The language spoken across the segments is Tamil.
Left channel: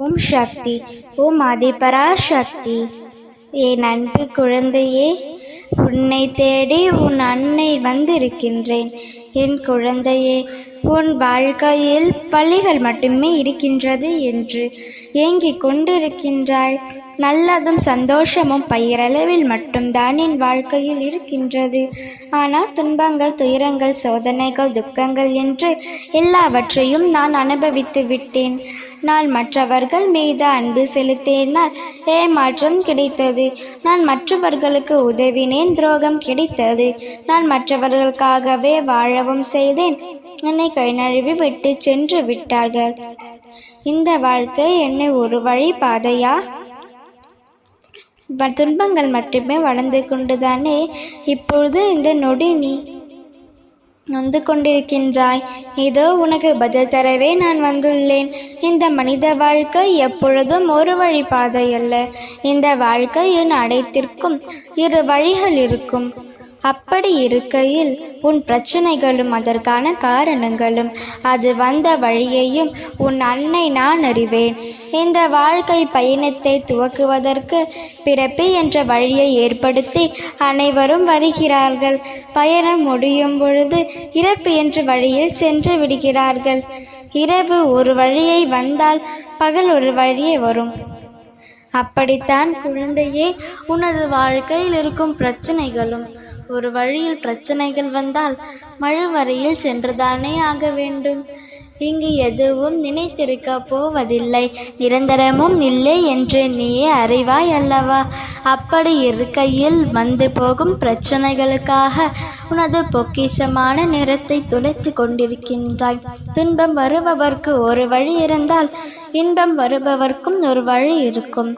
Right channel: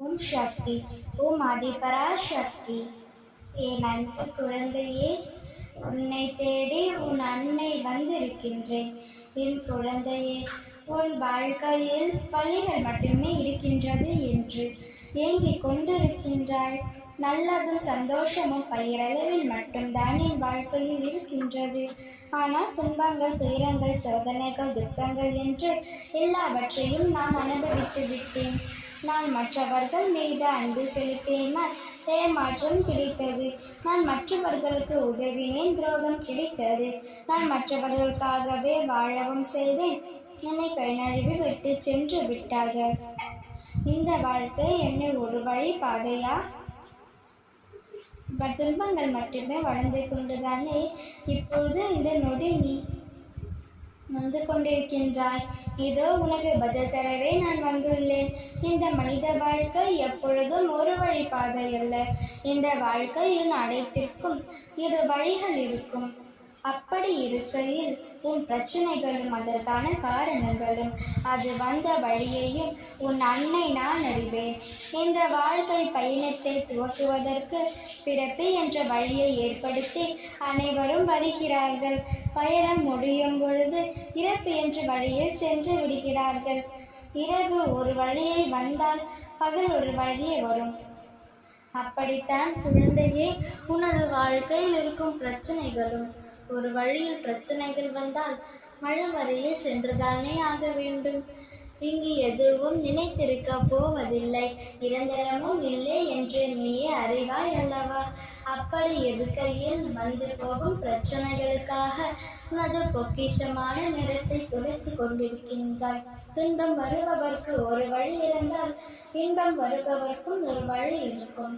ஓம் சக்தி. ஓம் ஆதிபராசக்தி. என் அன்பு குழந்தையே உன்னை தேடி உன் அன்னை வந்திருக்கின்றேன். என் குழந்தையே உன் வாழ்க்கையில் பள்ளிகள் மட்டுமே இருக்கின்றது என்று ஏங்கிக் கொண்டிருக்கின்றாய். நல்லதும் சந்தோஷமும் பயிரளவில் மட்டும்தான் என் வாழ்க்கையில் இருக்கின்றது. ஆனால் துன்பங்கள் துயரங்கள் சோதனைகள் துக்கங்கள் என்று எல்லாவற்றையும் நான் அனுபவித்து விட்டேன். நான் மற்றவர்கள் மீது அன்பு செலுத்தினால் ஏமாற்றம் கிடைத்தது. நான் மற்றவர்களுக்கு உதவினேன் துரோகம் கிடைத்தது. நான் மற்றவர்களுக்காகவே வாழவும் செய்தேன். என்னை கை நழுவி விட்டு சென்று விட்டார்கள். இந்த வாழ்க்கை என்னை ஒரு வழி பாதையா துன்பங்கள் மட்டுமே வளர்ந்து கொண்டுதானே? இப்பொழுது இந்த நொடி நீ நொந்து கொண்டிருக்கின்றாய். இதோ உனக்கு பதில் தரவே நான் வந்துள்ளேன். இந்த மனித வாழ்க்கை எப்பொழுதும் ஒரு வழி பாதை அல்ல இந்த வாழ்க்கையின் அடைத்திற்கும் இரு வழிகள் இருக்கும். அப்படி இருக்கையில் உன் பிரச்சனைகளும் அதற்கான காரணங்களும் அது வந்த வழியையும் உன் அன்னை நான் அறிவேன். இந்த வாழ்க்கை பயணத்தை துவக்குவதற்கு பிறப்பு என்ற வழியை ஏற்படுத்தி அனைவரும் வருகிறார்கள். பயணம் முடியும் பொழுது இறப்பு என்ற வழியில் சென்று விடுகிறார்கள். இரவு ஒரு வழியை வந்தால் பகல் ஒரு வழியே வரும். அப்படித்தான் குழந்தையே உனது வாழ்க்கையில் இருக்கும் பிரச்சனைகளும் ஒரு வழியில் பிரச்சனைகள் வந்தால் மழுவரையில் சென்றுதானே ஆக வேண்டும். இங்கு எதுவும் நினைத்திருக்க போவதில்லை. நிரந்தரமும் இல்லை என்று நீயே அறிவாய் அல்லவா? அப்படி இருக்கையில் வந்து போகும் பிரச்சனைகளுக்காக உனது பொக்கிஷமான நிறத்தை துடைத்து கொண்டிருக்கின்றாய். துன்பம் வருபவர்க்கு ஒரு வழி இருந்தால் இன்பம் வருபவர்க்கும் ஒரு வழி இருக்கும்.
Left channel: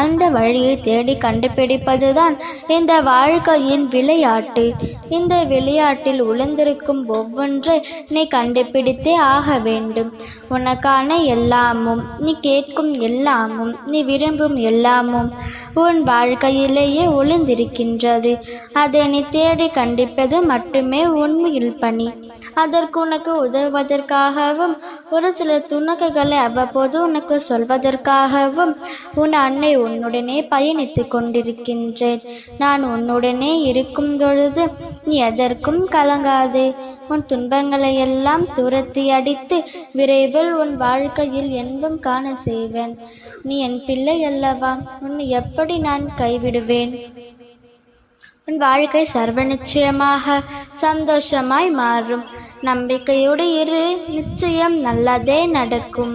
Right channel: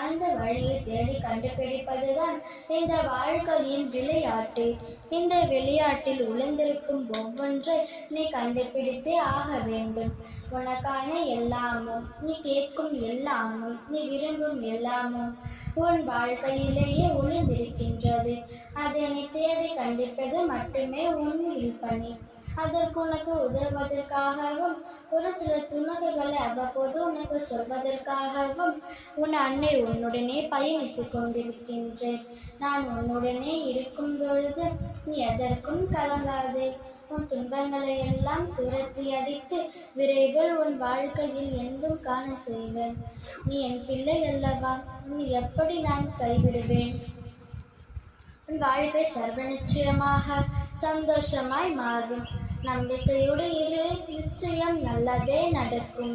அந்த வழியை தேடி கண்டுபிடிப்பதுதான் இந்த வாழ்க்கையின் விளையாட்டு. இந்த விளையாட்டில் உழந்திருக்கும் ஒவ்வொன்றை நீ கண்டுபிடித்தே ஆக வேண்டும். உனக்கான எல்லாமும் நீ கேட்கும் எல்லாமும் நீ விரும்பும் எல்லாமும் உன் வாழ்க்கையிலேயே ஒளிந்திருக்கின்றது அதை நீ தேடி கண்டிப்பது மட்டுமே உண்மையில் பணி. அதற்கு உனக்கு உதவுவதற்காகவும் ஒரு சில துணுக்குகளை அவ்வப்போது உனக்கு சொல்வதற்காகவும் உன் அன்னை உன்னுடனே பயணித்து கொண்டிருக்கின்றேன். நான் உன்னுடனே இருக்கும் பொழுது நீ எதற்கும் கலங்காதே. உன் துன்பங்களை எல்லாம் துரத்தி அடித்து விரைவில் உன் வாழ்க்கையில் என்பும் காண செய்வேன். நீ என் பிள்ளை அல்லவா? உன்னை எப்படி நான் கைவிடுவேன்? உன் வாழ்க்கை சர்வ நிச்சயமாக சந்தோஷமாய் மாறும். நம்பிக்கையோடு இரு. நிச்சயம் நல்லதே நடக்கும்.